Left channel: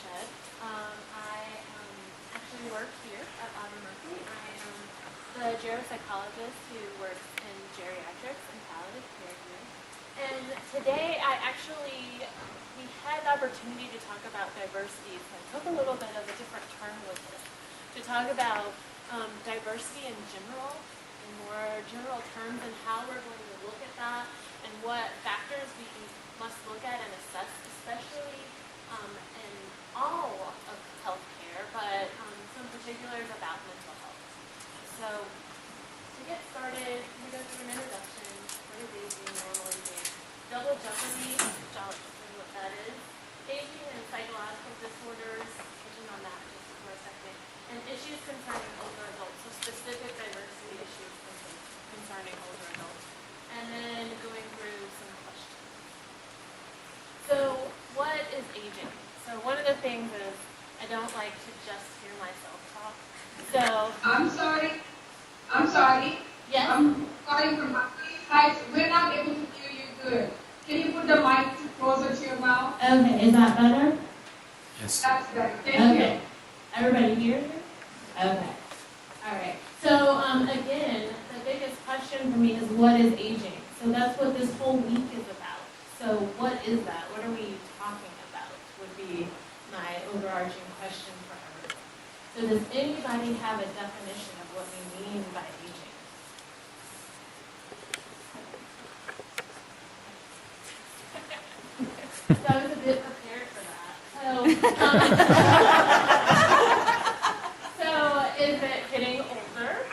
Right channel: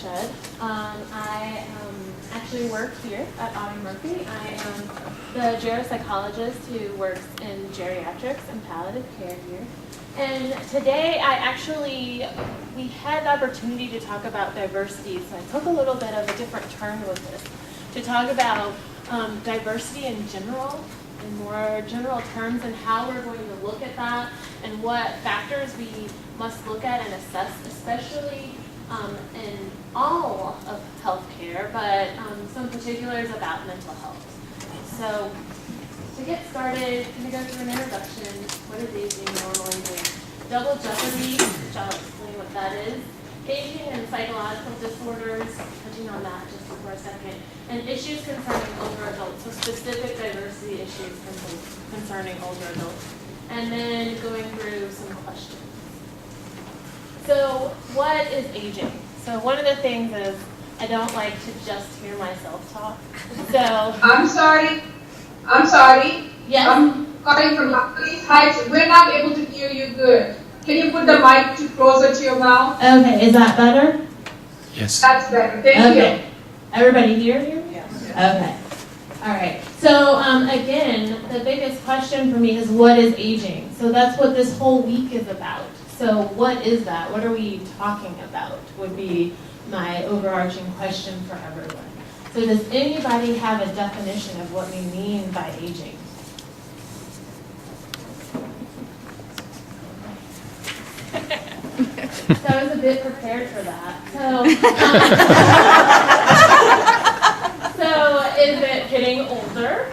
Shead. I actually work here at Autumn Murphy. I am the GeroPsychologist who works in geriatrics and palliative care here. And today we had the opportunity to talk about diversity, so I took a little bit of a different turn with this, to talk about diversity in general, in more general terms, and how we're going to look at that, and what factors we must look at and assess, especially in all of healthcare, but some particulars about mental health. So, to get started, I'm going to go through an introduction. What is aging normally mean? Double Jeopardy, which I'll explain what that is. Aging and psychological disorders, touching on that just for a second. And issues concerning older adults, so specific diversity issues concerning older adults. And then going through some questions. So, what is aging? So, one of the things is I don't like to just hear myself talk. So, I'm sorry. Yes? I'm calling from These Heights. We're not able to hear you good. Can you put the mic closer to your mouth? Okay, is that better? Yes. That's better. Thank you. Everybody here? Yes. Okay. All right. So again, the biggest question for me is what is aging? So that's what this whole week is about. So what is that? What are we talking about? Would be my overarching question for everyone. So does anybody have a definition of what we mean by aging? So I was a bit prepared for that. So is it getting older?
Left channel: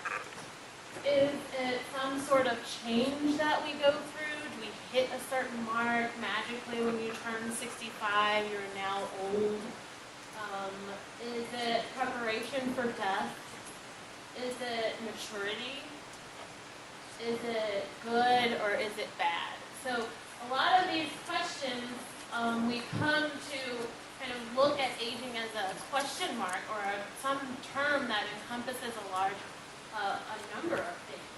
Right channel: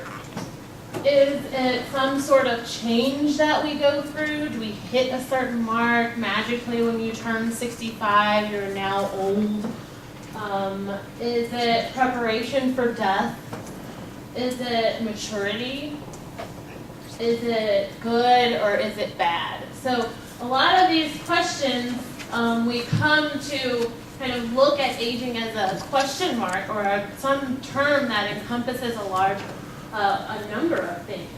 Is it some sort of change that we go through? Do we hit a certain mark magically when you turn 65, you're now old? Is it preparation for death? Is it maturity? Is it good or is it bad? So a lot of these questions, we come to kind of look at aging as a question mark or some term that encompasses a number of things.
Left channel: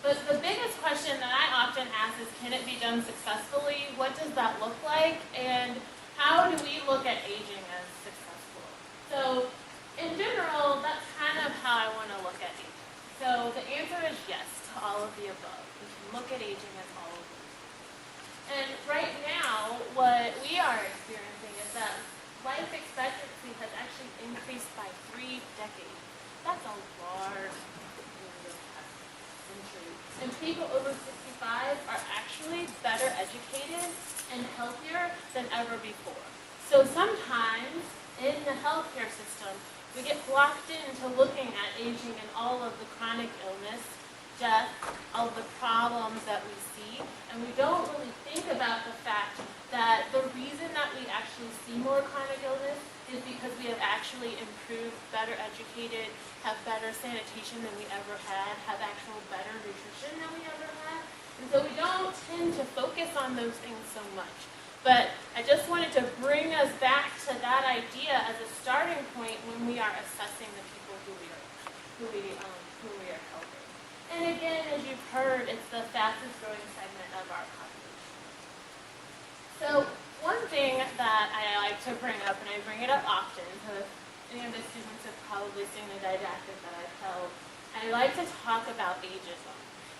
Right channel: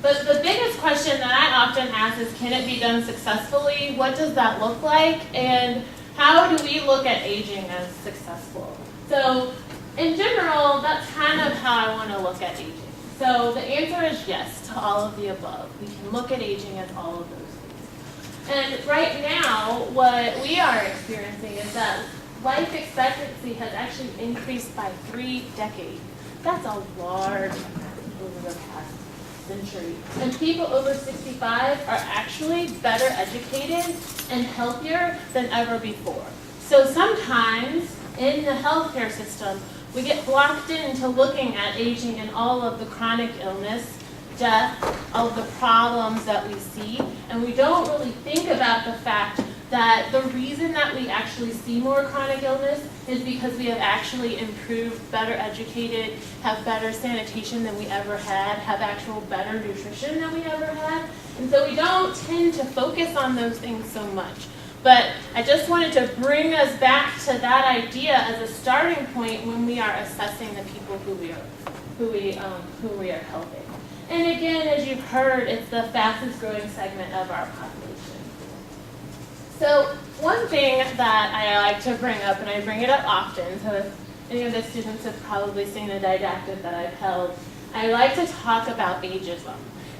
But the biggest question that I often ask is, can it be done successfully? What does that look like? And how do we look at aging as successful? So in general, that's kind of how I want to look at aging. So the answer is yes to all of the above. We can look at aging as all of those things. And right now, what we are experiencing is that life expectancy has actually increased by 3 decades. That's a large number over the past century. And people over 65 are actually better educated and healthier than ever before. So sometimes in the healthcare system, we get blocked into looking at aging and all of the chronic illness, death, all of the problems that we see, and we don't really think about the fact that the reason that we actually see more chronic illness is because we have actually improved, better educated, have better sanitation than we ever had, have actual better nutrition than we ever had. And so we don't tend to focus on those things so much. But I just wanted to bring us back to that idea as a starting point when we are assessing the people who we are helping. And again, as you've heard, it's the fastest growing segment of our population. So one thing that I like to bring up, and I bring it up often, so if any of the students have probably seen the didactic that I've held, I like to talk about ageism.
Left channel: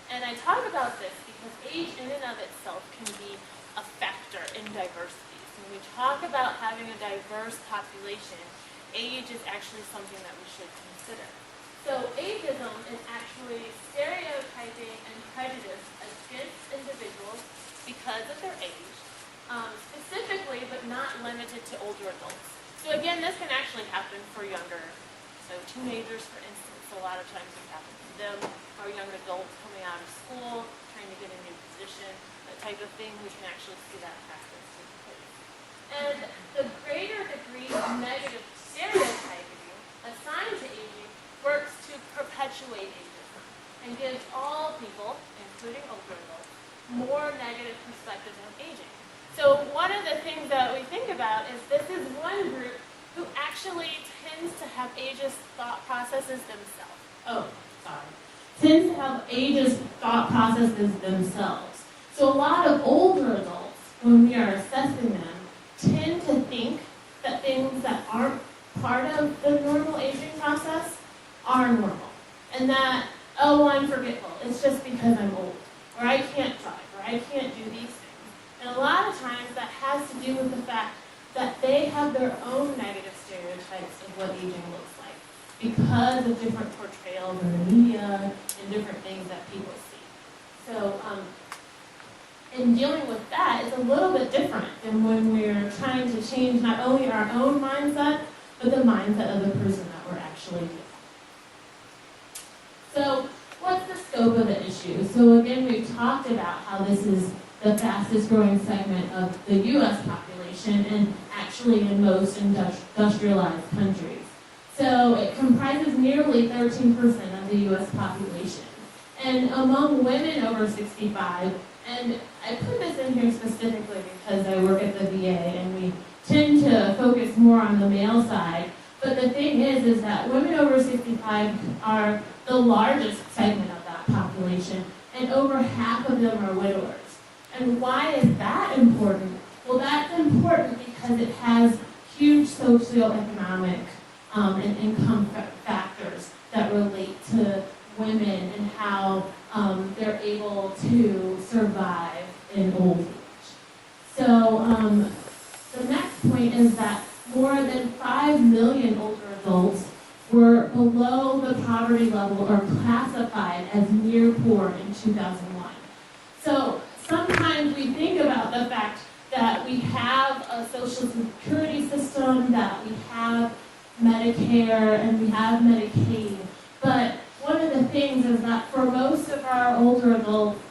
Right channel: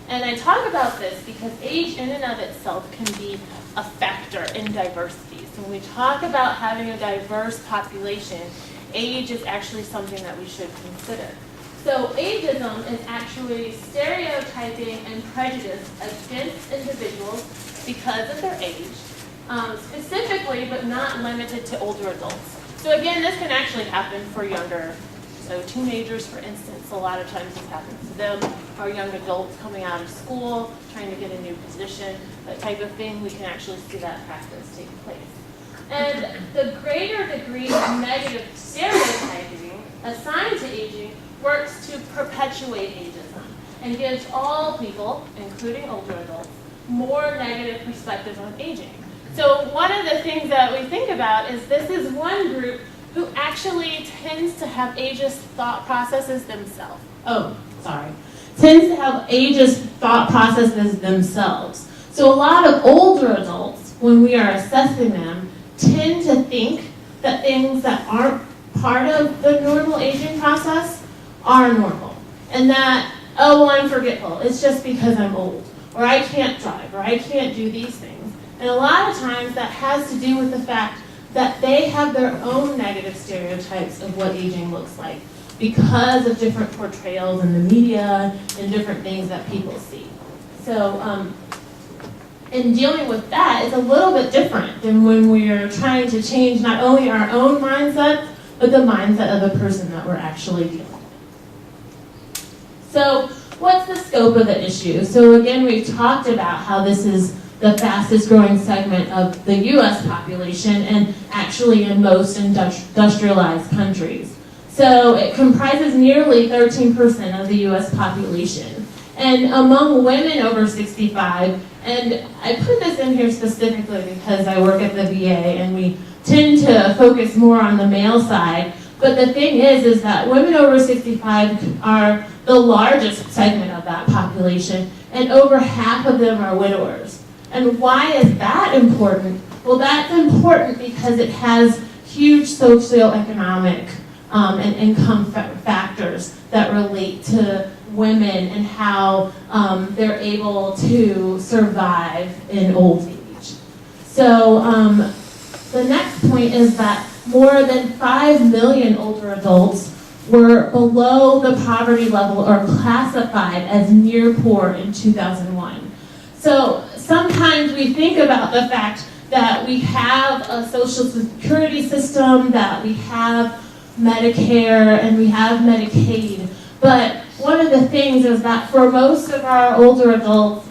And I talk about this because age in and of itself can be a factor in diversity. So when we talk about having a diverse population, age is actually something that we should consider. So ageism is actually stereotyping and prejudice against individuals because of their age, specifically but not limited to older adults. So again, this can actually happen for younger, so teenagers, for instance, a lot of times this happens to them, or young adults coming out of school, trying to get a new position, that type of thing, we can actually see that practice take place. And the greater degree of negative stereotyping assigned to aging works to perpetuate ageism and gives all people, including older adults, more negative perspectives on aging. So one of the things that we think about is this is one group who actually tends to have ageist thought processes themselves. Tends to have ageist thought processes themselves. So a lot of older adults, when we are assessing them, tend to think that things that aren't part of the normal aging process are normal. And that, oh, well, I'm forgetful. It's just because I'm old. Or I can't drive. Or I can't do these things. And a lot of times that has to do with the fact that they have their own negative stereotypes of what aging looks like because of different portrayals in the media and different things that people see. So, in dealing with that, it's a little bit different than when we're trying to change not only our own mindset, but the mindset of the person that we're actually dealing with. So, what's the scope of the issue? So again, we've talked about how this is the fastest growing segment of the US population and actually in most industrialized countries. So it comprises nearly 13% of the US population. And among women over 65, and I put this in here specifically because I work at the VA and we tend to focus more on the male side, but the thing is that women over 65 are the largest segment of that population, and over half of them are widowers. And why is that important? Well, that's important because it has huge socioeconomic and income factors that relate to women and how they're able to survive in old age. So the next point is that more than 5 million older adults were below the poverty level or classified as near poor in 2001. So sometimes we think about the fact that we have a social security system, that we have Medicare, and we have Medicaid, but one of the things is that for most of our older adults,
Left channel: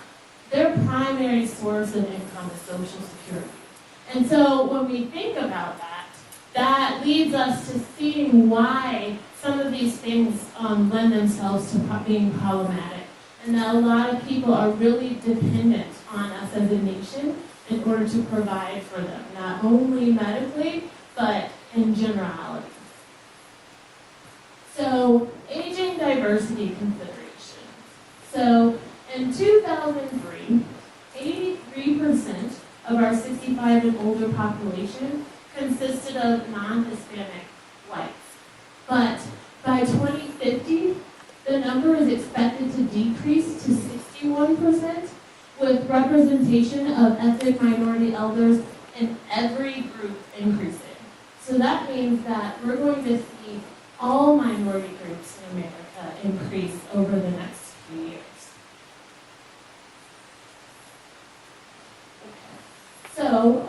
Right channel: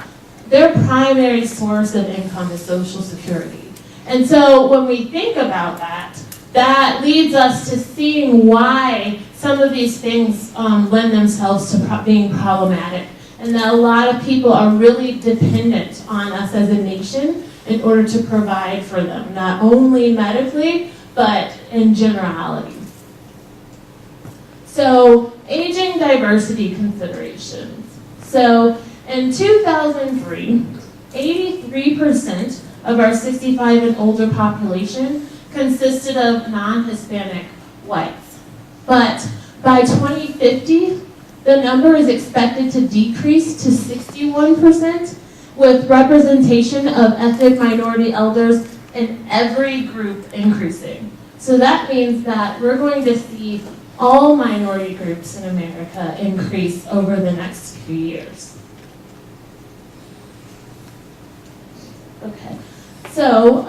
their primary source of income is Social Security. And so when we think about that, that leads us to seeing why some of these things lend themselves to being problematic, and that a lot of people are really dependent on us as a nation in order to provide for them, not only medically, but in generality. So, aging diversity considerations. So, in 2003, 83% of our 65 and older population consisted of non-Hispanic whites. But by 2050, the number is expected to decrease to 61%, with representation of ethnic minority elders in every group increasing. So that means that we're going to see all minority groups in America increase over the next few years. Okay. So,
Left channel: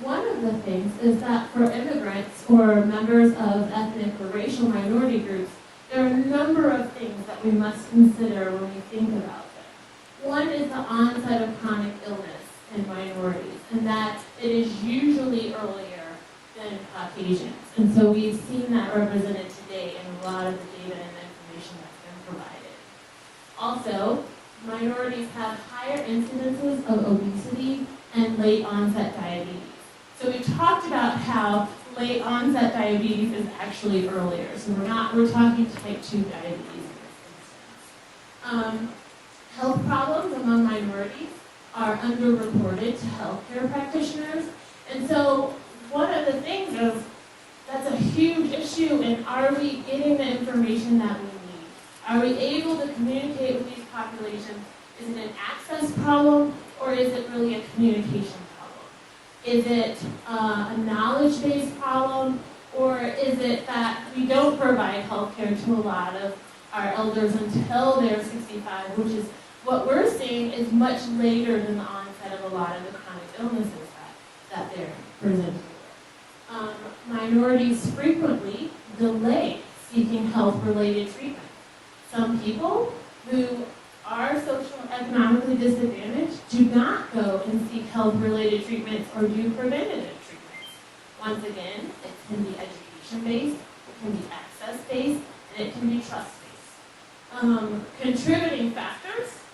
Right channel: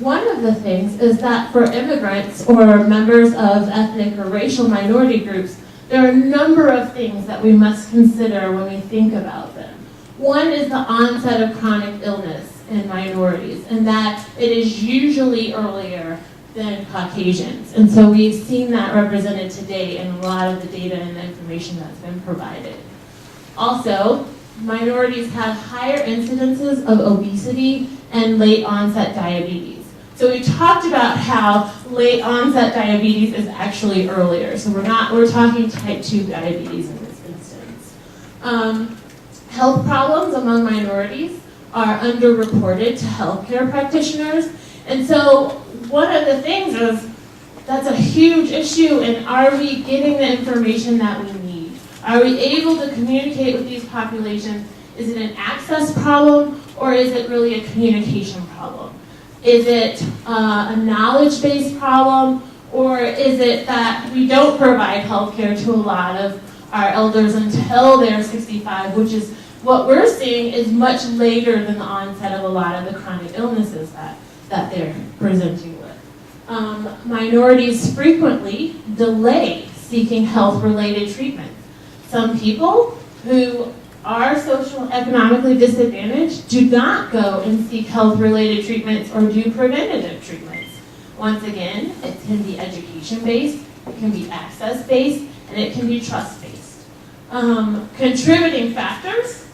one of the things is that for immigrants or members of ethnic or racial minority groups, there are a number of things that we must consider when we think about them. One is the onset of chronic illness in minorities, and that it is usually earlier than Caucasians. And so we've seen that represented today in a lot of the data and information that's been provided. Also, minorities have higher we'incidences of obesity and late onset diabetes. So we talked about how late onset diabetes is actually earlier. So we're talking type 2 diabetes in this instance. Health problems among minorities are underreported to healthcare practitioners. And so one of the things is that's a huge issue, and are we getting the information that we need? Are we able to communicate with these populations? Is it an access problem, or is it really a communication problem? Is it a knowledge-based problem, or is it that we don't provide healthcare to a lot of our elders until they're 65, which is what we're seeing is much later than the onset of a lot of the chronic illnesses that they're presenting with. Minorities frequently delay seeking health-related treatment. Some people who are socioeconomically disadvantaged do not go and seek health-related treatments or do preventative treatments. Once again, it can be education-based, it can be access-based, and it can be trust-based. Contributing factors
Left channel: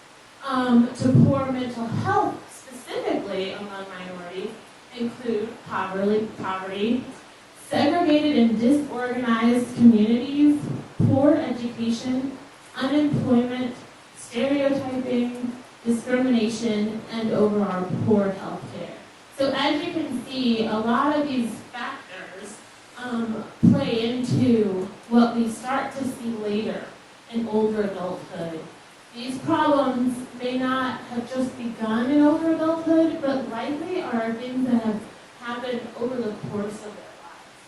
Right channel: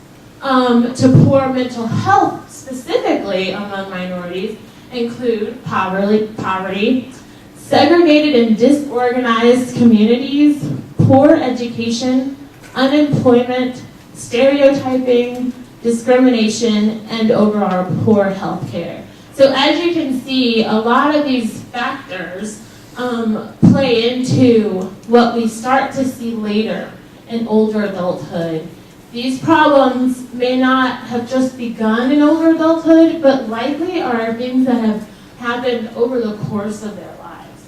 to poor mental health, specifically among minorities, include poverty, segregated and disorganized communities, poor education, unemployment, stereotyping, discrimination, and overall poor health care. So as you can see, a lot of these factors play into what we start to see later in older adulthood. These problems may not have just begun in older adulthood, but likely are things that have happened over the course of their lives.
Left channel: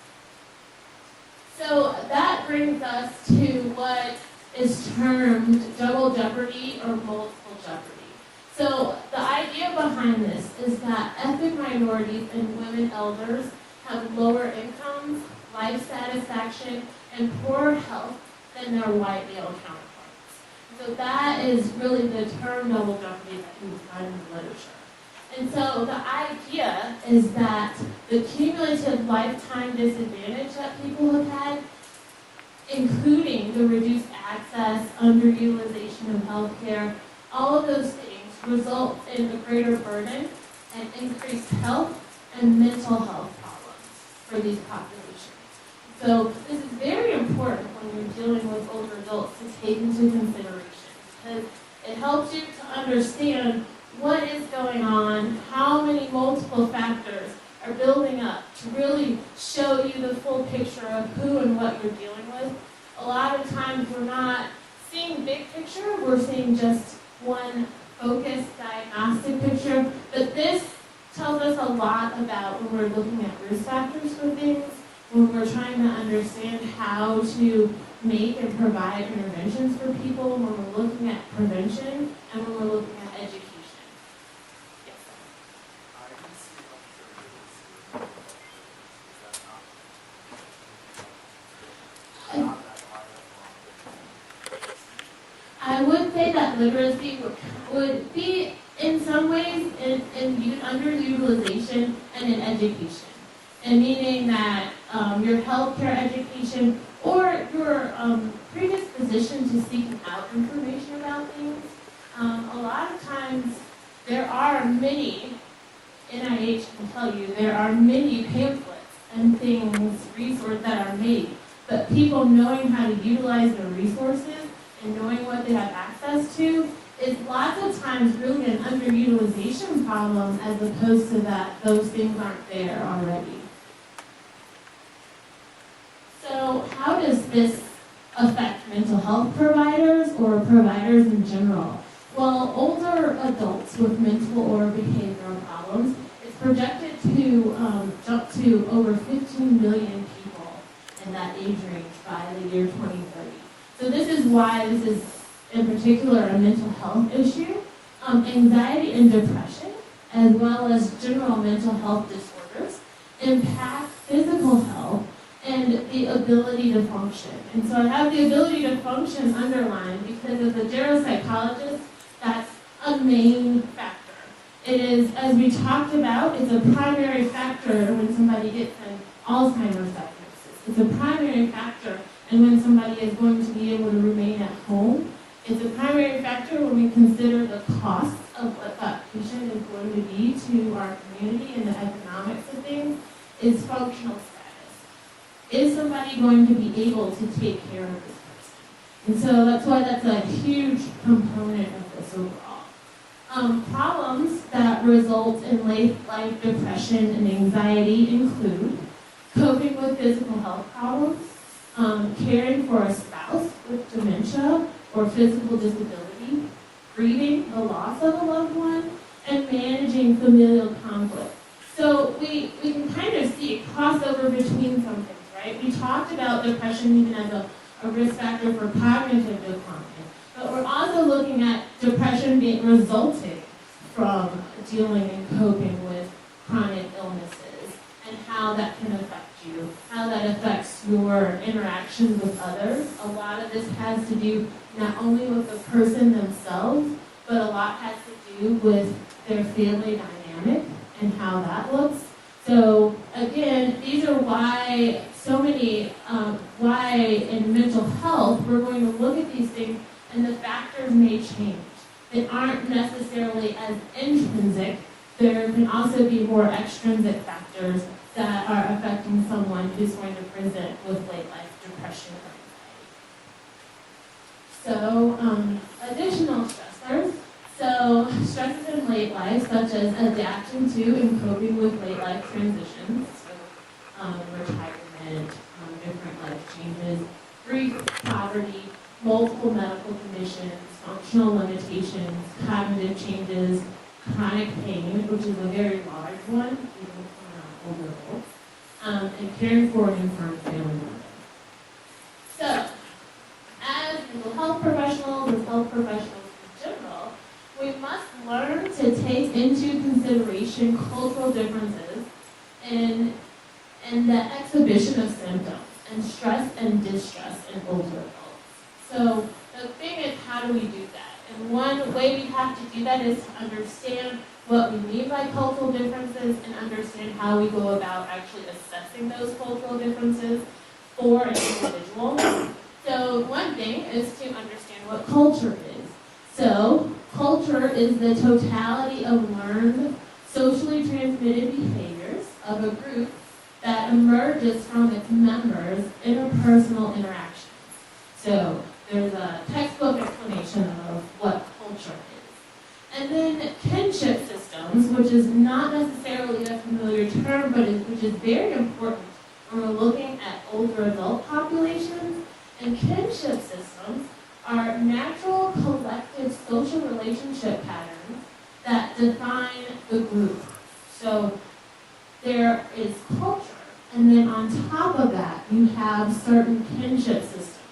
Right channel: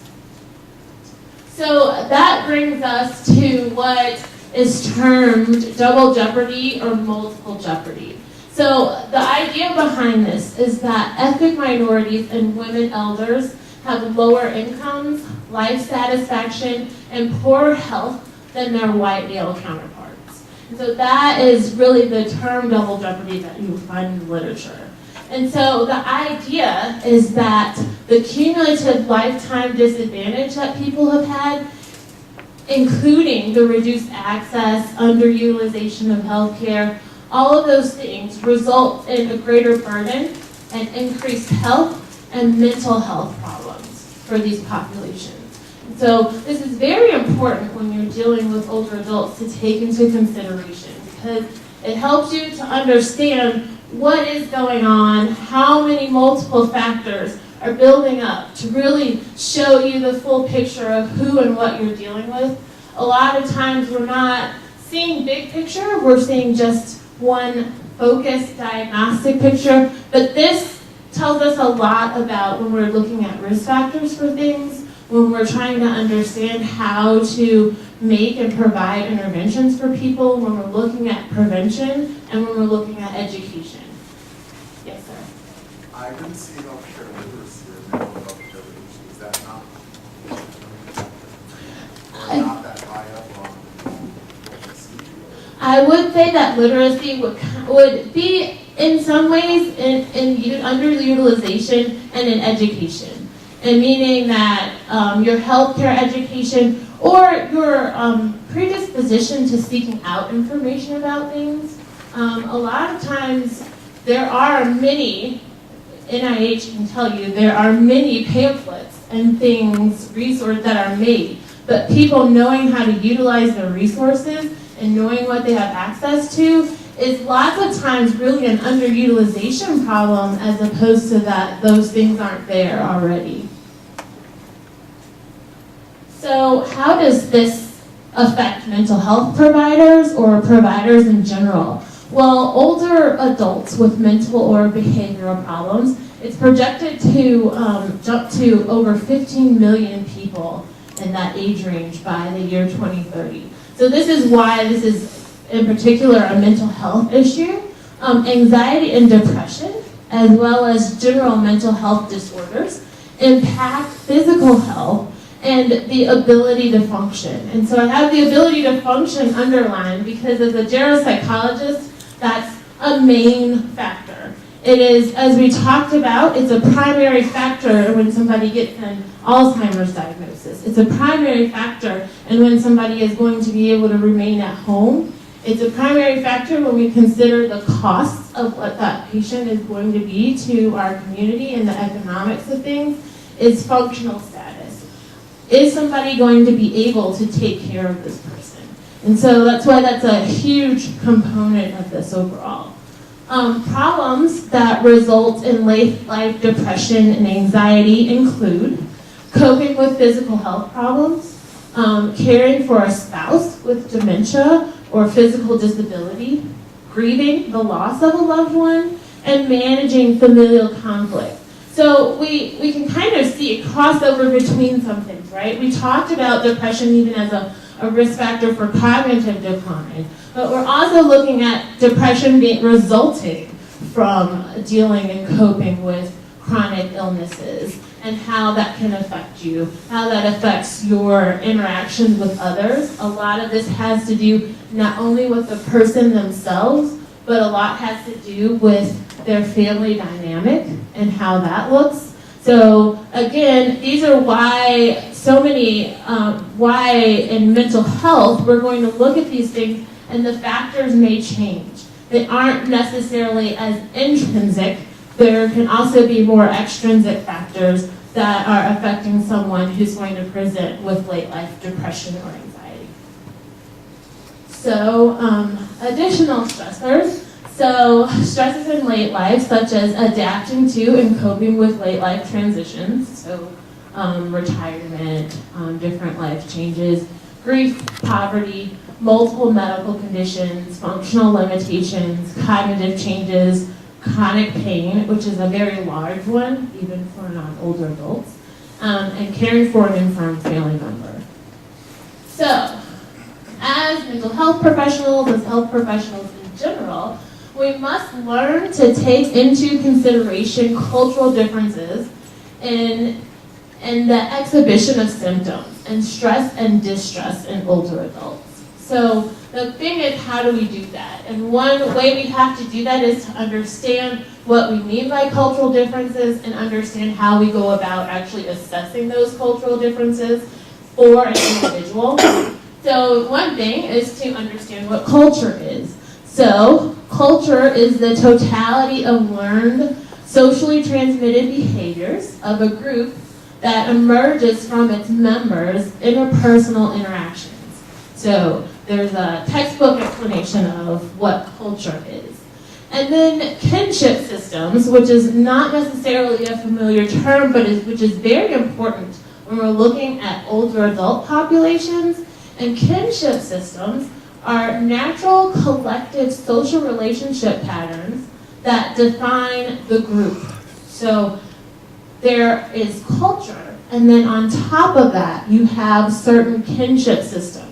So that brings us to what is termed double jeopardy or multiple jeopardy. So the idea behind this is that ethnic minorities and women elders have lower incomes, life satisfaction, and poorer health than their white male counterparts. So that is really the term double jeopardy that you will find in the literature. And so the idea is that the cumulative lifetime disadvantage that people have had, including the reduced access, underutilization of healthcare, all of those things result in a greater burden and increased health and mental health problems for these populations. So this is very important when you're dealing with older adults to take into consideration, because it helps you to understand what is going on, how many multiple factors are building up to really show you the full picture of who and what you're dealing with. A lot of times we're not seeing big picture, we're seeing just one focused diagnostic picture, but this tells us a lot about when we're looking at risk factors for things, when we're trying to understand how to make and provide interventions for people, when we're looking at prevention, and when we're looking at education. Yes, sir? I didn't see healthcare literacy or mental health literacy. Is that not that high up on what you see? I would say that literacy would be in some ways in underutilization and in education. And meaning that your healthcare education or your predisposition to seeking out information about things. A lot of times there are many, NIH can tell you, there are many pamphlets and things, resources that are made, but people knowing how to utilize their resources and knowing what they have access to is lots of times really an underutilization problem as opposed to that those things aren't there already. So how does this affect mental health providers or providers in general? Well, older adults with mental or behavioral problems, it's projected to jump to over 15 million people in that age range by the year 2030. So this is why this is in particular a mental health issue. Anxiety and depression, as well as general mental health disorders, impact physical health and the ability to function. And so I have the ability to function underlined because as a geropsychologist, that's a main factor. It is, as we talked about, it's a primary factor when somebody gets an Alzheimer's diagnosis. It's a primary factor in when somebody is going to be able to remain at home. It's a primary factor when we consider the costs of what that patient is going to be to our community and the economics of things. Is functional status. Is somebody going to be able to take care of this person? And so that's why that's a huge component of this overall. Problems that result in late-life depression and anxiety include coping with physical health problems, caring for a spouse with dementia or physical disability, grieving the loss of a loved one, and managing familial conflict. So we can kind of see a crossover between some things, right? We talked about depression even as a risk factor for cognitive decline, but we're also looking at depression resulting from dealing and coping with chronic illnesses and how that can affect you, how that affects your interactions with others. A lot of this has to do not only with the person themselves, but a lot has to do with their family dynamic and how that looks. So again, these are why so many, why in mental health, we're going to look at these things and the factors may change. They aren't necessarily as intrinsic. There can also be more extrinsic factors that are affecting someone who's going to present with late life depression or anxiety. So additional stressors. So stresses in late life, such as adapting to and coping with late life transitions. So retirement, different life changes, grief, poverty, multiple medical conditions, functional limitations, cognitive changes, chronic pain, which is a very large one, even for non-older adults, and caring for an infirm family member. So, as mental health professionals, as health professionals in general, we must learn to take into consideration cultural differences in the exhibition of symptoms and stress and distress in older adults. So the thing is, how do we do that? And one way we have to do that is to understand what we mean by cultural differences and understand how we go about actually assessing those cultural differences for an individual. So one thing is to understand what culture is. So culture is the totality of learned, socially transmitted behaviors of a group that emerges from its members' interpersonal interactions. So there's a textbook explanation of what culture is. And then kinship systems, which is not necessarily a familiar term, but which is very important when we're looking at older adult populations. And kinship systems are natural collective social relationship patterns that define the group. So there is culture, and then on top of that, you have certain kinship systems.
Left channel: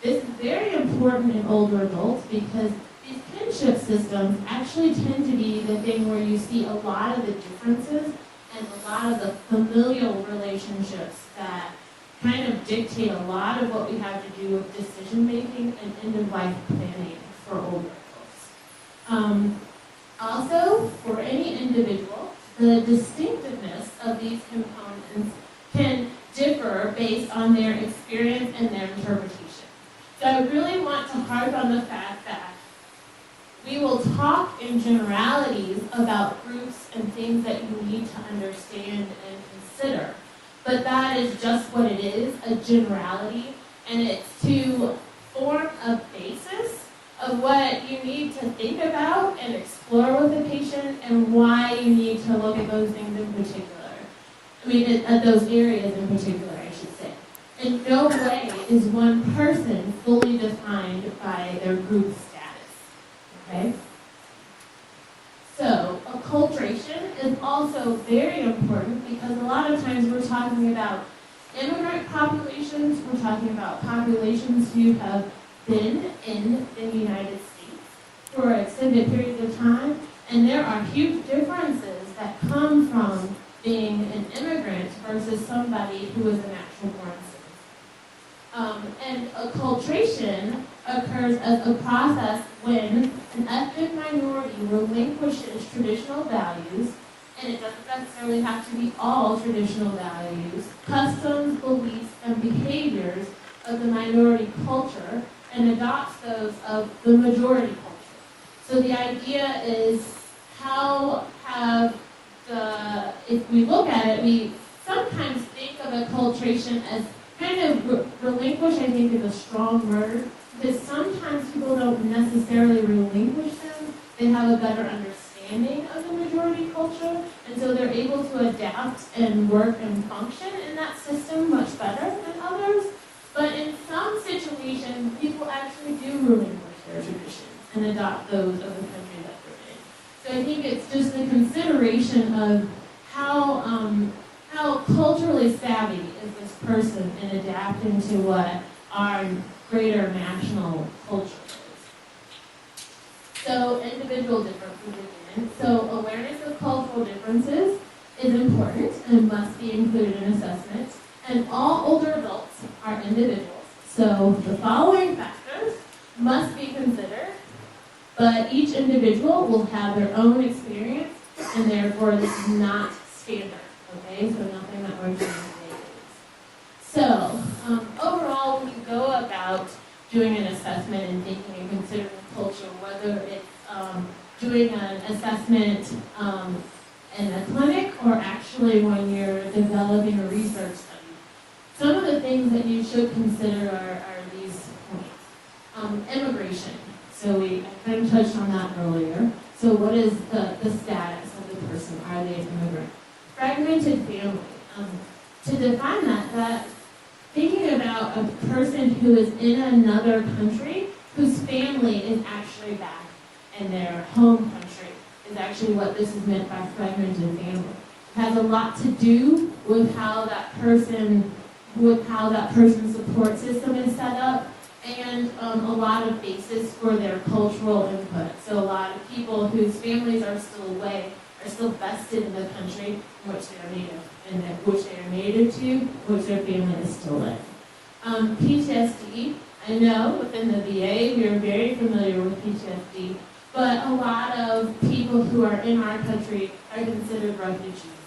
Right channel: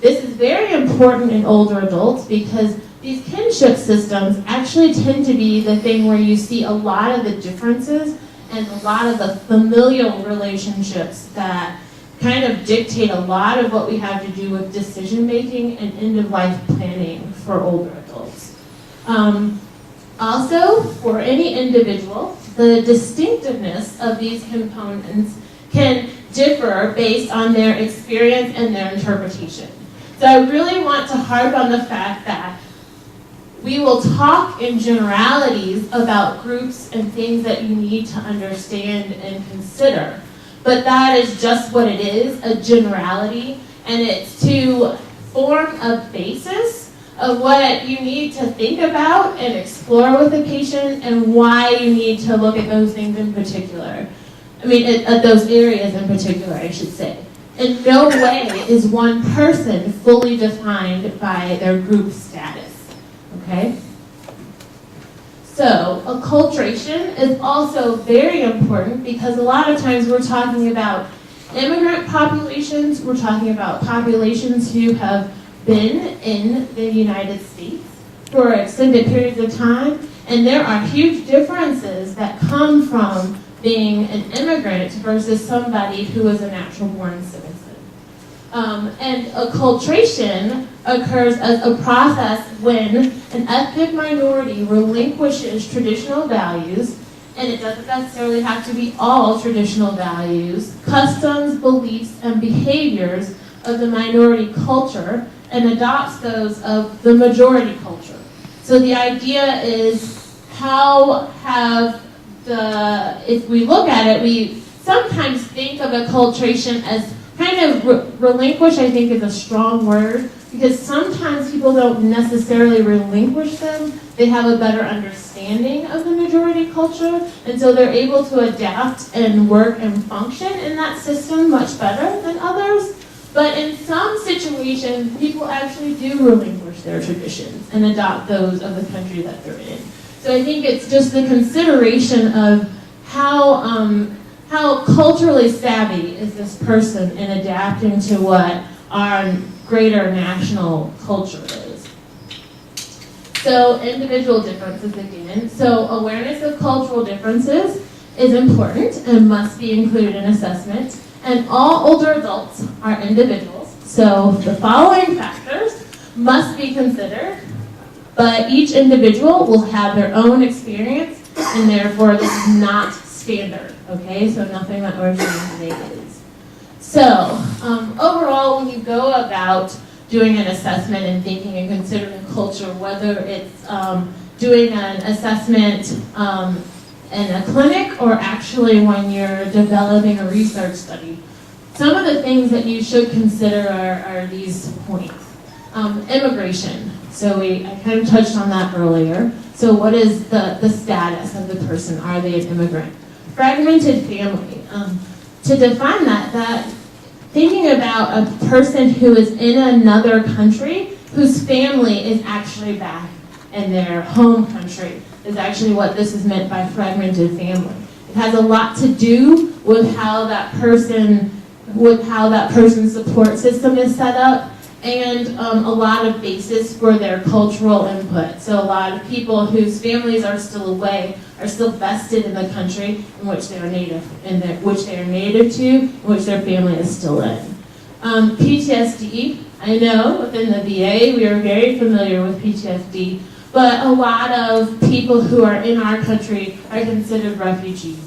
This is very important in older adults because these kinship systems actually tend to be the thing where you see a lot of the differences and a lot of the familial relationships that kind of dictate a lot of what we have to do with decision making and end-of-life planning for older adults. Also, for any individual, the distinctiveness of these components can differ based on their experience and their interpretation. So I really want to harp on the fact that we will talk in generalities about groups and things that you need to understand and consider. But that is just what it is, a generality, and it's to form a basis of what you need to think about and explore with the patient and why you need to look at those things in particular. I mean, at those areas in particular, I should say. In no way is one person fully defined by their group status, okay? So, acculturation is also very important because a lot of times we're talking about immigrant populations, we're talking about populations who have been in the United States for extended periods of time, and there are huge differences that come from being an immigrant versus somebody who is a natural born citizen. And acculturation occurs as a process when an ethnic minority relinquishes traditional values, and it doesn't necessarily have to be all traditional values, customs, beliefs, and behaviors of the minority culture, and adopts those of the majority culture. So the idea is if we look at it, we sometimes think of acculturation as kind of relinquish, I think is a strong word, because sometimes people don't necessarily relinquish them. They have a better understanding of the majority culture, and so they're able to adapt and work and function in that system much better than others. But in some situations, people actually do relinquish their traditions and adopt those of the country that they're in. So I think it's just the consideration of how culturally savvy is this person in adapting to what our greater national culture is. So individual differences again. So awareness of cultural differences is important and must be included in assessment. And all older adults are individuals. So the following factors must be considered, but each individual will have their own experience, and therefore this is not standard, okay? So nothing that we're doing today is. So overall, when you go about doing an assessment and thinking and considering culture, whether it's doing an assessment in a clinic or actually when you're developing a research study, some of the things that you should consider are these points. Immigration. So I kind of touched on that earlier. So what is the status of the person? Are they an immigrant? Fragmented family. to define that thinking about a person who is in another country whose family is actually back in their home country is actually what this is meant by fragmented family. It has a lot to do with how that person's support system is set up, and a lot of basis for their cultural input. So a lot of people whose families are still away are still vested in the country in which they are native, which to, in which their family is still in. PTSD, I know within the VA we are very familiar with PTSD, but a lot of people who are in our country are considered refugees.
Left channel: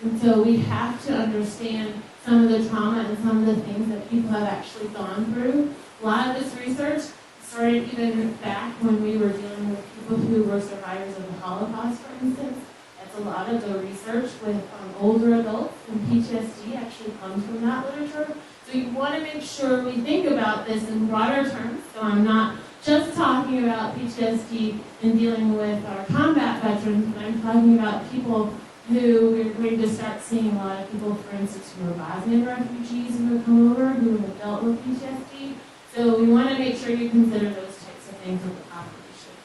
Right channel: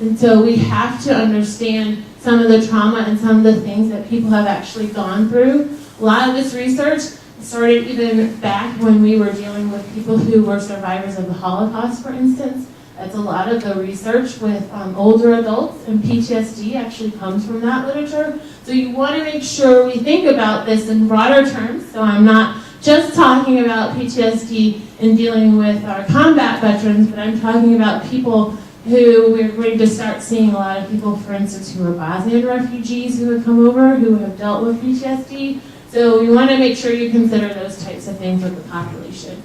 And so we have to understand some of the trauma and some of the things that people have actually gone through. A lot of this research started even back when we were dealing with people who were survivors of the Holocaust, for instance. That's a lot of the research with older adults, and PTSD actually comes from that literature. So you want to make sure we think about this in broader terms. So I'm not just talking about PTSD in dealing with our combat veterans, but I'm talking about people who we're going to start seeing a lot of people, for instance, who are Bosnian refugees who have come over, who have dealt with PTSD. So we want to make sure you consider those types of things with the population.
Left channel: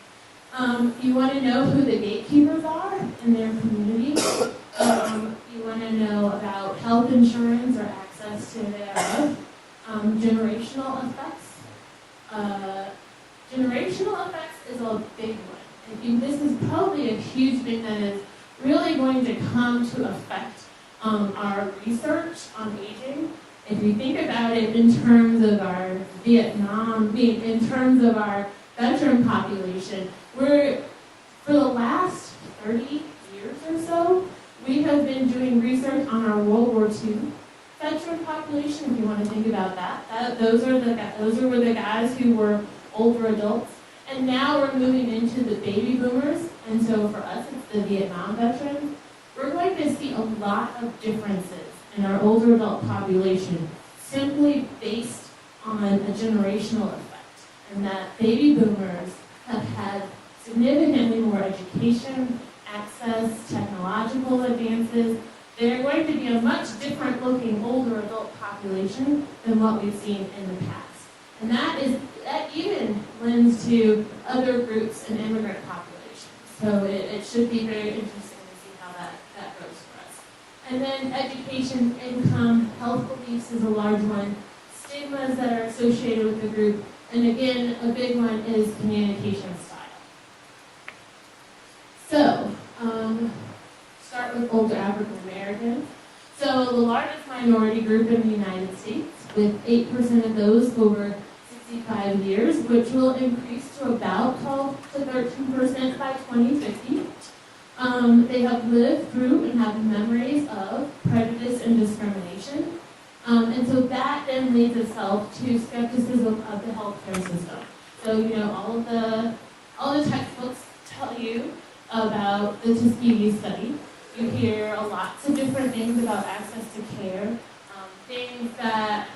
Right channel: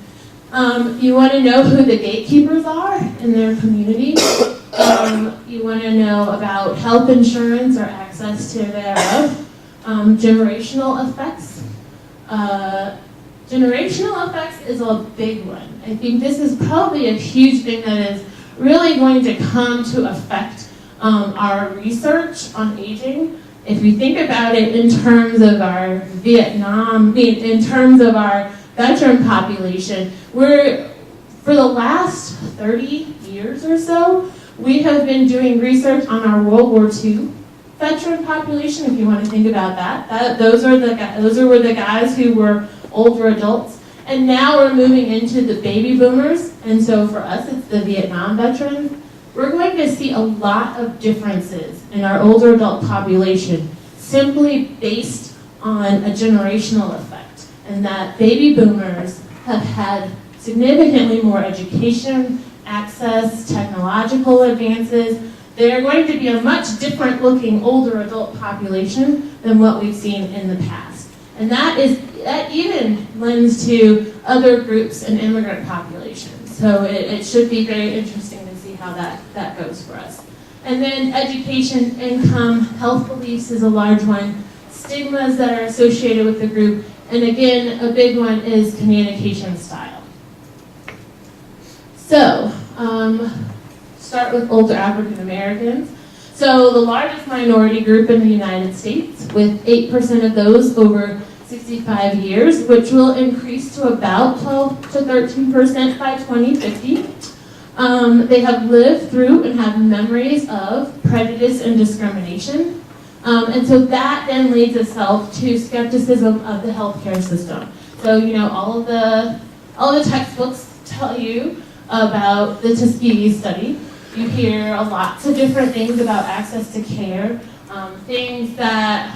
You want to know who the gatekeepers are in their community. You want to know about health insurance or access to thereof. Generational effects. Generational effects is a big one. I think this is probably a huge thing that is really going to come to affect our research on aging. If you think about it in terms of our in terms of our veteran population, for the last 30 years or so, we have been doing research on our World War II veteran population, if you want to think about that. Those were the guys who were older adults. And now we're moving into the baby boomers, and so for us it's the Vietnam veterans. We're going to see a lot of differences in our older adult population simply based on a generational effect, and that baby boomers have had significantly more education, access, technological advances. They're going to be a much different looking older adult population than what we've seen in the past. And that even lends to other groups and immigrant populations. So it should be very interesting to see how that goes for us. And then education, income, health beliefs is a large one. Stigmas that are associated with the group. And again, a big one is communication style. So, start with older African Americans. So the largest minority group in the United States, with 8% of those over 65 years, which will increase to about 12 to 13% by 2050. They have lived through and have memories of prejudice and discrimination. And so that then leads itself to skepticism of the healthcare system. So, all the textbooks tell you about the Tuskegee study. You hear lots of different things about access to care, things that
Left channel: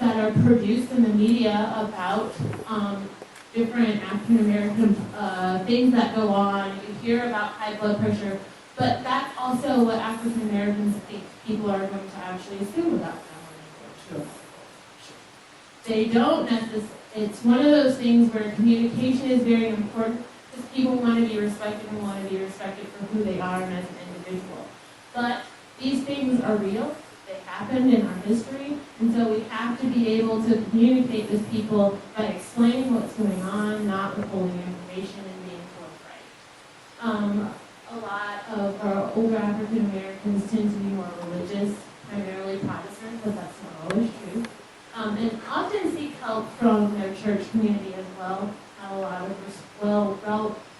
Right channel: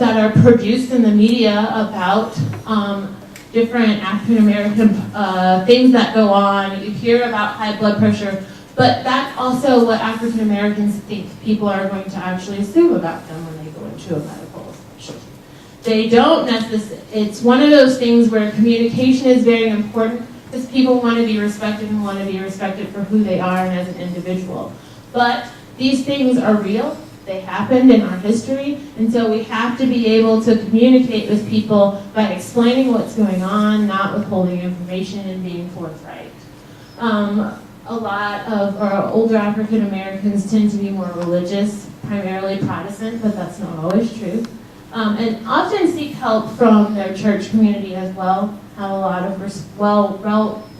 are produced in the media about different African American things that go on. You hear about high blood pressure, but that's also what African Americans think people are going to actually assume about them when they go into a medical specialty. They don't necessarily. It's one of those things where communication is very important because people want to be respected and want to be respected for who they are and as an individual. But these things are real. They happened in our history, and so we have to be able to communicate with people by explaining what's going on, not withholding information, and being forthright. A lot of our older African Americans tend to be more religious, primarily Protestant, but that's not always true. And often seek help from their church community as well, have a lot of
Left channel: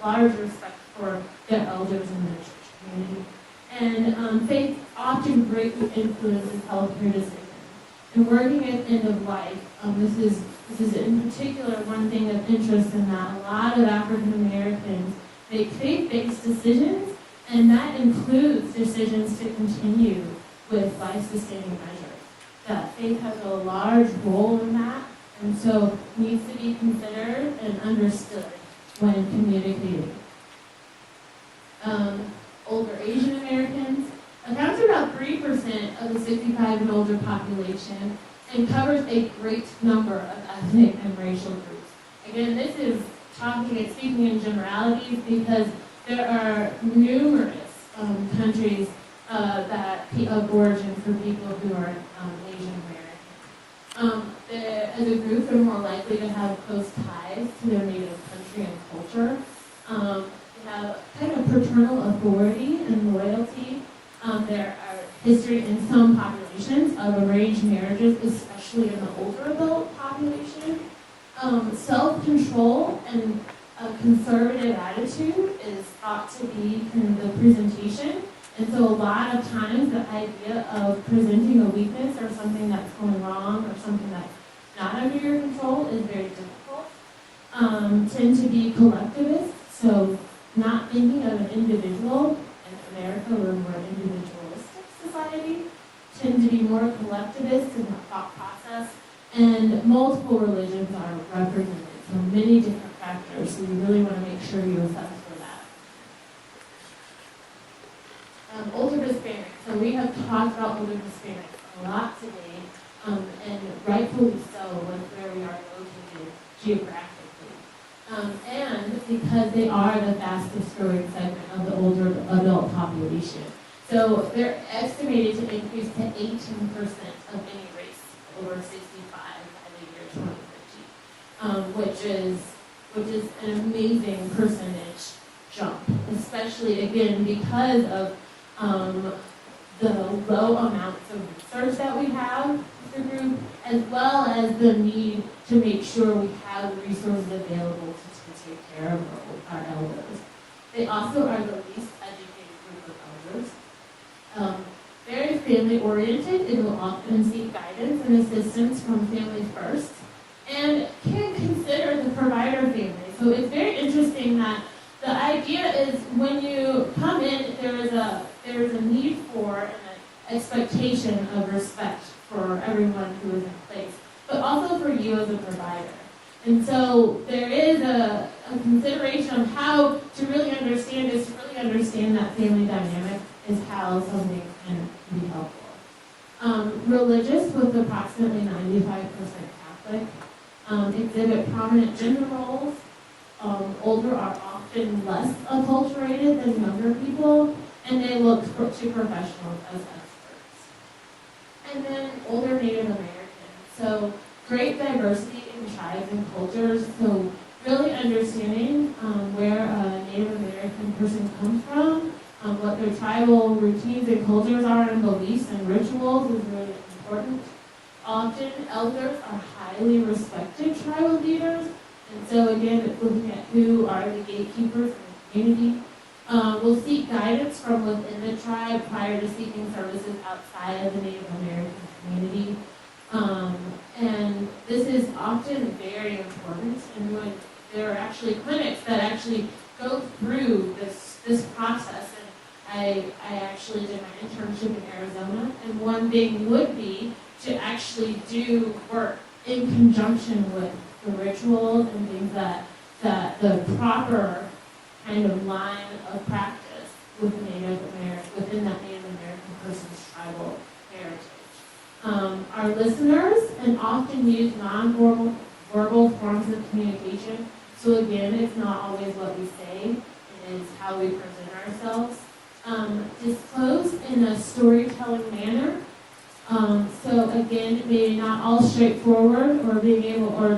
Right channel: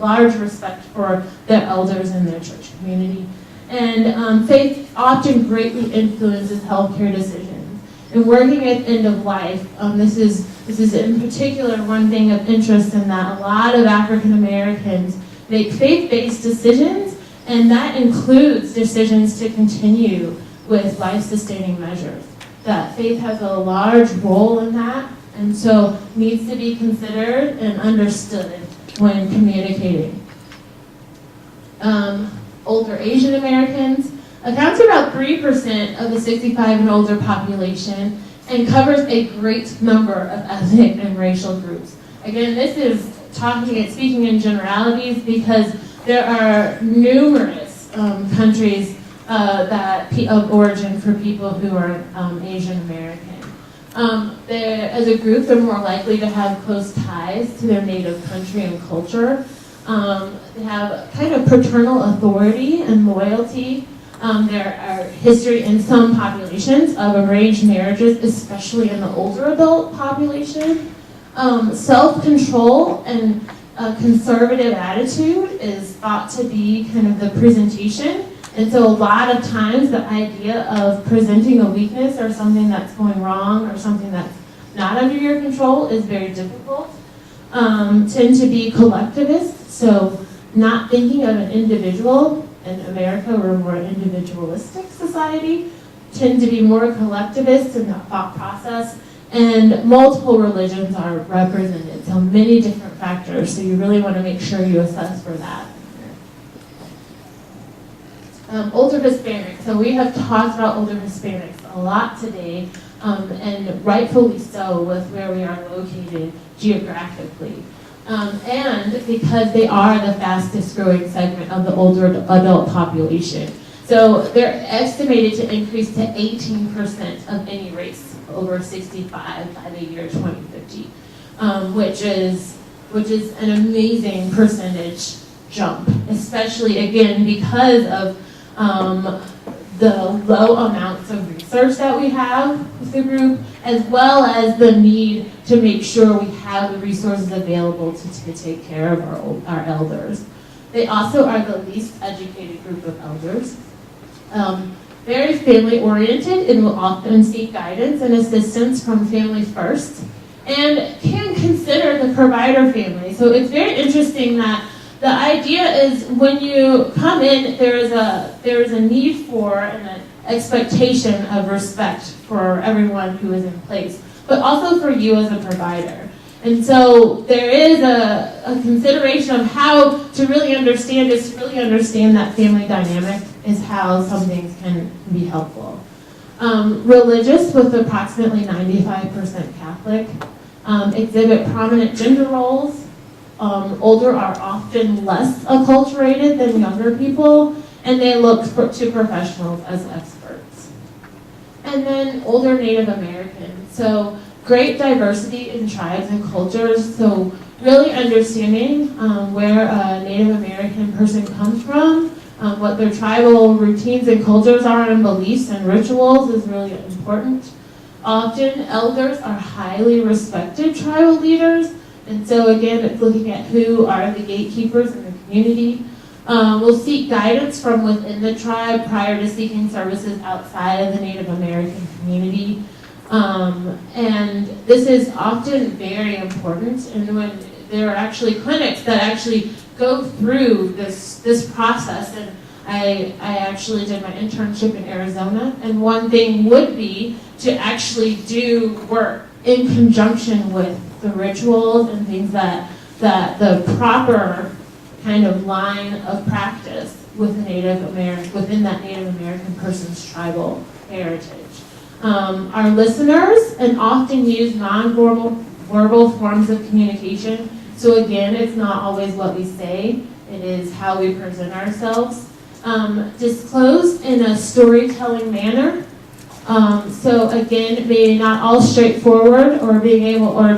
large respect for their elders in their church community. And faith often greatly influences healthcare decisions. And working at end of life, this is in particular one thing of interest in that a lot of African Americans make faith-based decisions, and that includes decisions to continue with life-sustaining measures. That faith has a large role in that, and so needs to be considered and understood when communicating. Older Asian Americans, accounts for about 3% of the 65 and older population, and covers a great number of ethnic and racial groups. Again, this is speaking in generalities because there are numerous countries of origin for people who are Asian American. As a group, they're more likely to have close ties to their native country and culture. They have kind of paternal authority and loyalty. There are history in some populations of arranged marriages, especially in the older adult population. Self-control and a conservative attitude is thought to be kind of the presentation. And so a lot of times the idea of presenting a weakness or something that's going wrong or something that's not under your control is very difficult. Tend to be collectivist, so not thinking of an individual. In America, we're a more individualistic society, tend to be more collectivist in the thought process, and multiple religions are represented, so many different factors, so you really want to make sure you assess for that. Older Hispanics, so we have talked about older Hispanics a lot today, and rightfully so with where we are located geographically. And because they are the fastest growing segment of the older adult population. So they're estimated to increase to 18% of any race over 65 by the year 2050, which is an amazing percentage jump, especially again because of the low amounts of research that we have with the group, as well as the need to make sure we have the resources available to take care of our elders. They also are the least educated group of elders. Very family-oriented and will often seek guidance and assistance from family first, and can consider the provider family. So it's very interesting that the idea is when you come in, there is a need for and an expectation of respect for everyone who is in place, but also for you as a provider. And so there is a consideration of how to really understand this, to really understand that family dynamic is how some things can be helpful. Religious with approximately 95% Catholic, exhibit prominent gender roles. Older are often less acculturated than younger people, and they look to professionals as experts. And then older Native Americans. So great diversity in tribes and cultures, so really understanding where a Native American person comes from, what their tribal routines and cultures are and beliefs and rituals is really important. Often elders are highly respected tribal leaders, and so again, it's looking at who are the gatekeepers in the community. We'll seek guidance from within the tribe prior to seeking services outside of the Native American community. And this is often very important, and when there are actually clinics that actually go through this process, and I actually did my internship in Arizona, and one thing would be to actually do work in conjunction with the rituals and things that the proper kind of line of practice with Native American, within that Native American person's tribal heritage. Our listeners and often use non-verbal forms of communication. So again, it's not always what we say, it is how we present ourselves. Disclosed in a storytelling manner. So again, maybe not all straightforward or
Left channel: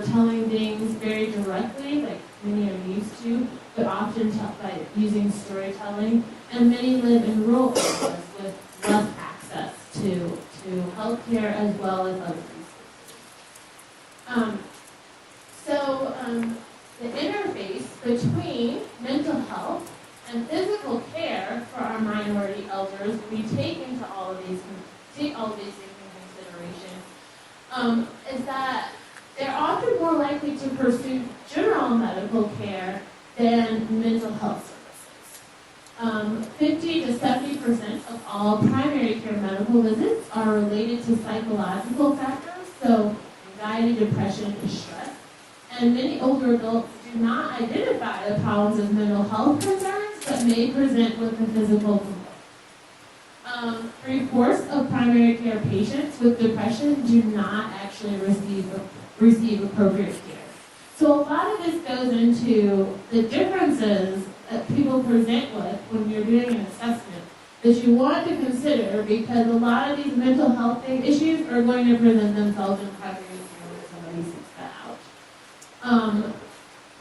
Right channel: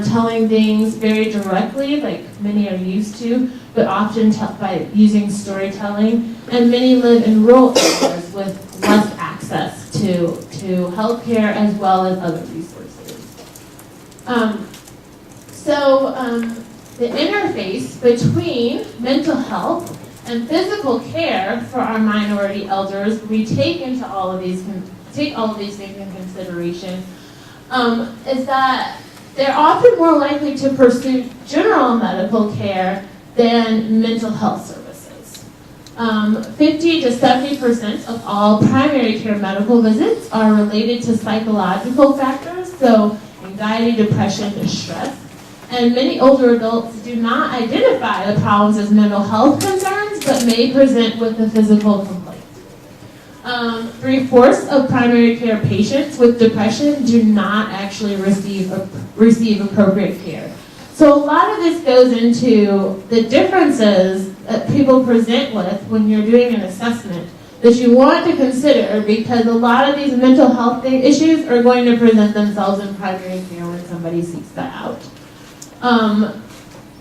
telling things very directly like many are used to, but often by using storytelling. And many live in rural areas with less access to healthcare as well as other resources. The interface between mental health and physical care for our minority elders, we take all of these things in consideration, is that they're often more likely to pursue general medical care than mental health services. 50 to 70% of all primary care medical visits are related to psychological factors, so anxiety, depression, distress. And many older adults do not identify the problems as mental health concerns, but may present with a physical complaint. 3/4 of primary care patients with depression do not actually receive appropriate care. So a lot of this goes into the differences that people present with when you're doing an assessment that you want to consider, because a lot of these mental health issues are going to present themselves in primary care when somebody seeks that out.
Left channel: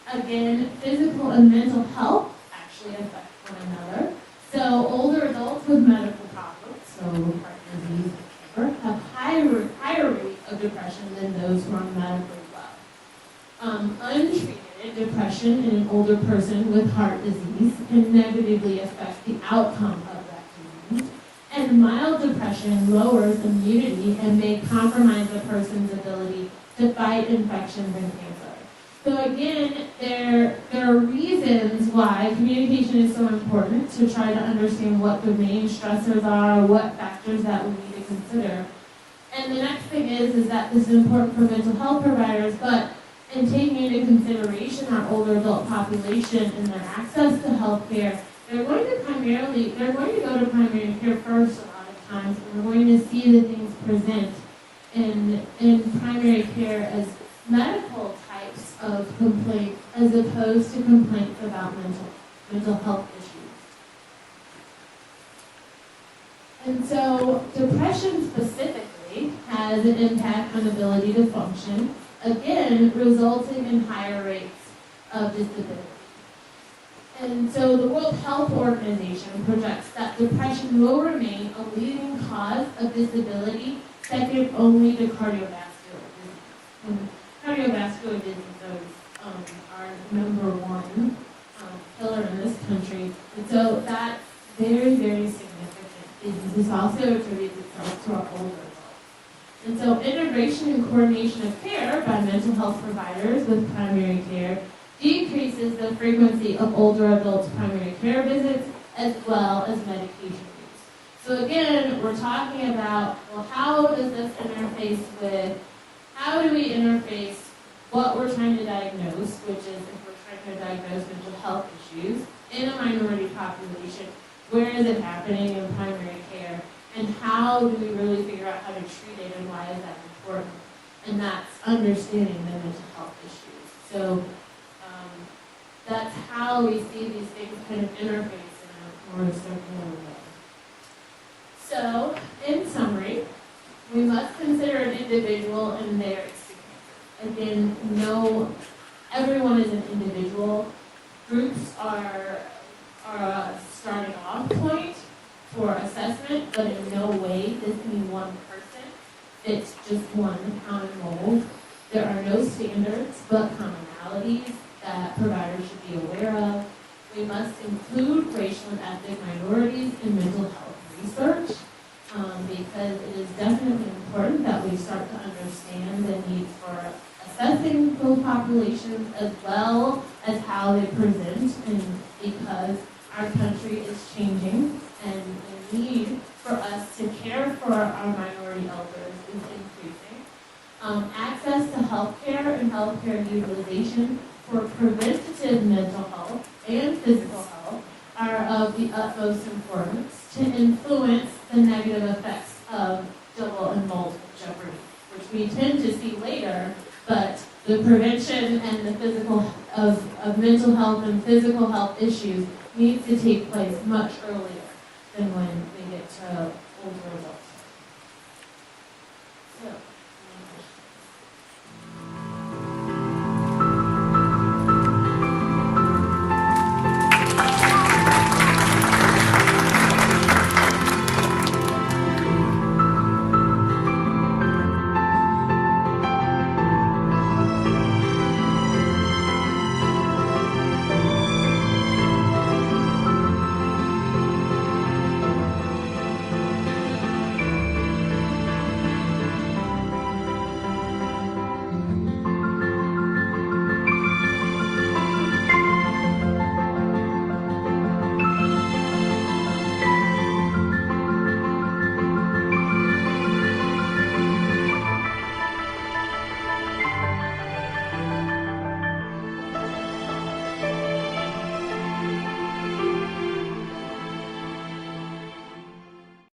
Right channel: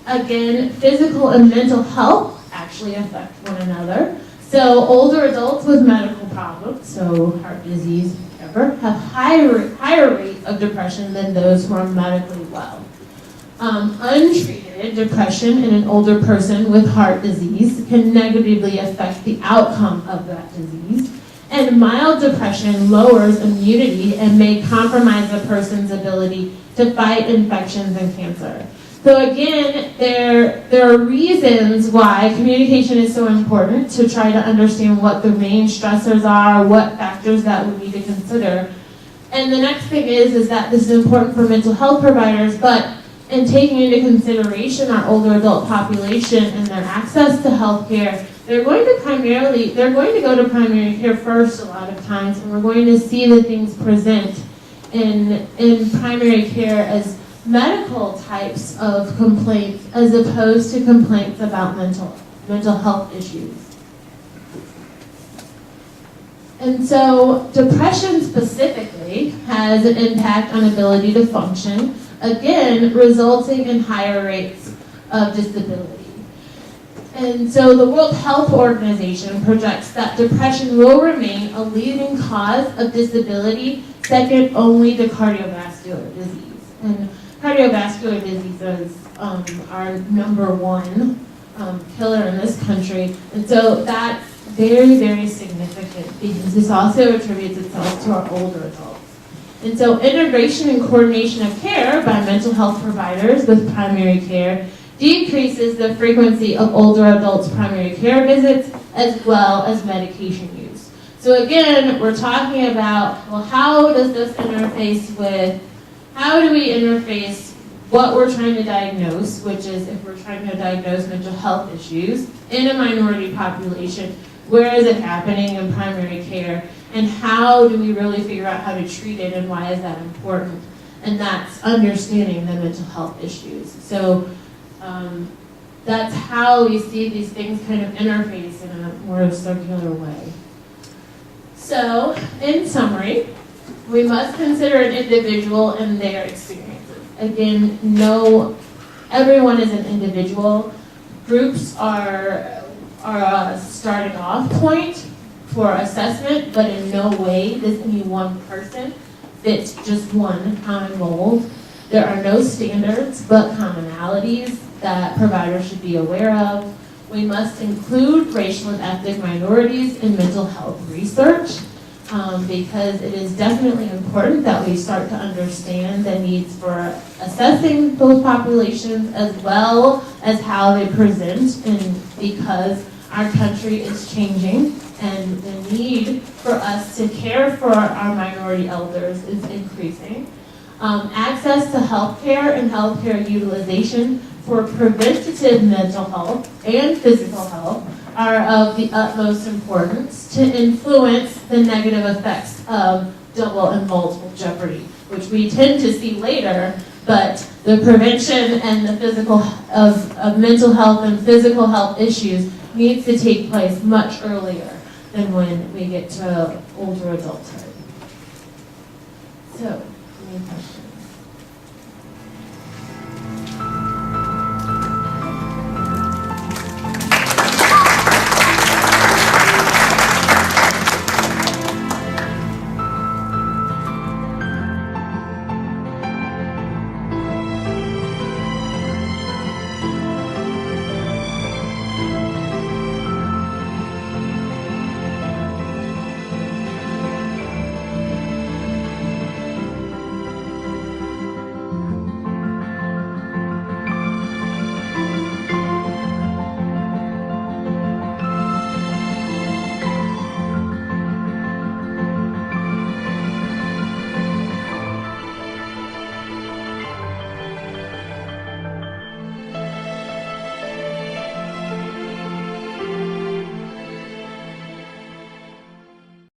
Again, physical and mental health actually affect one another. So older adults with medical problems, so heart disease, whatever, have higher rate of depression than those who are medically well. Untreated depression in an older person with heart disease can negatively affect the outcome of that disease. And mild depression lowers immunity and may compromise a person's ability to fight infections and cancer. So again, there are reasons why communication is so important, to try to understand what the main stressors are, what factors that we need to consider. And the next thing is that this is important for mental health providers, but in taking into consideration our older adult population and their access to health care, they're going to go to primary care first a lot of times, and we're going to see the things present in primary care as medical types of complaints as opposed to complaints about mental health issues. And so depression specifically has an impact on ability to function, again, resulting in higher rates of disability. And so the World Health Organization projects that depression will remain a leading cause of disability, second only to cardiovascular disease. And cardiovascular diseases are number one killer in this country. And so that's very, very significant, because this also attributes itself to our older adults. And so integration and coordination of care by mental health providers with primary care decreases the frequency of older adults' primary care visits as well as medication use. So again, we're talking about, well, how does this interface with, how do we interface what we're trying to diagnose, which is if we're trying to diagnose mental health issues in a minority population, where is it happening in primary care, and how do we really figure out how to treat it, and why is that important? And that's understanding the mental health issues. So that's how we see these things kind of interface in a more circular way. So, in summary, we must consider an individual and their experiences. Again, everyone is an individual. Groups are a starting off point for assessment, but in no way does any one person fit just one common mold. There are no standards, but commonalities that providers should be aware of. We must include racial and ethnic minorities in mental health research, because it is definitely important that we start to understand the needs for assessing those populations as well as how they present, and because our country is changing and the need for us to care for our minority elders is increasing. Access to healthcare and healthcare utilization for preventative mental health and physical health are of the utmost importance to influence the negative effects of double and multiple jeopardy, which we tend to see later, but the prevention and the physical of mental health and physical health issues needs to take place much earlier than when we get to older adulthood. So, any questions?